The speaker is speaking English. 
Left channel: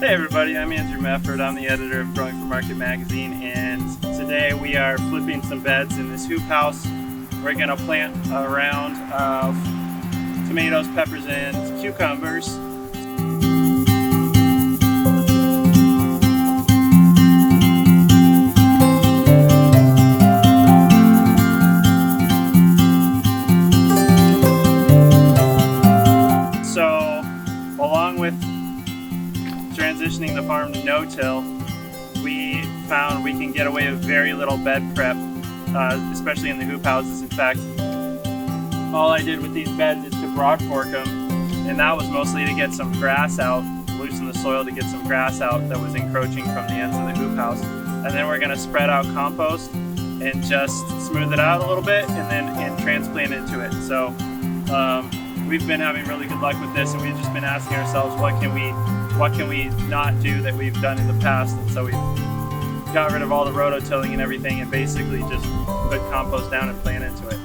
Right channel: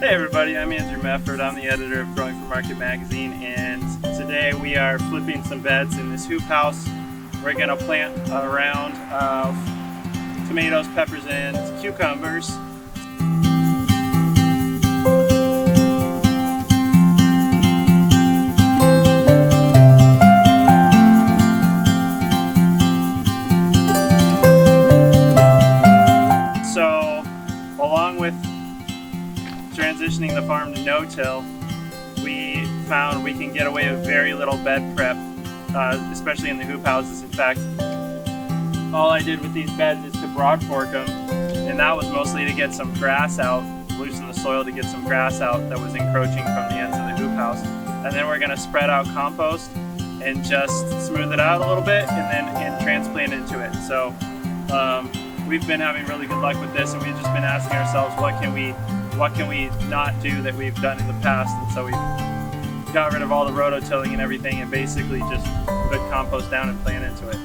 Hey everybody, I'm Andrew Mefferd. I'm the editor of Growing for Market magazine, and today we are flipping some beds in this hoop house. We're going to plant a round of tomatoes, peppers, and cucumbers. So, along with transitioning the farm to no-till, we found we can get away with very little bed prep, especially in the hoop houses. In fact, all I did with these beds is to broad fork them, and that was mostly to get some grass out, loosen the soil to get some grass out that was encroaching from the ends of the hoop house. And then we're going to spread out compost and just smooth it out a little bit and transplant into it. So we've been having really good luck with this, and we've just been asking ourselves, what can we not do that we've done in the past? And so we got rid of all the rototilling and everything, and basically just put compost down and plant into it.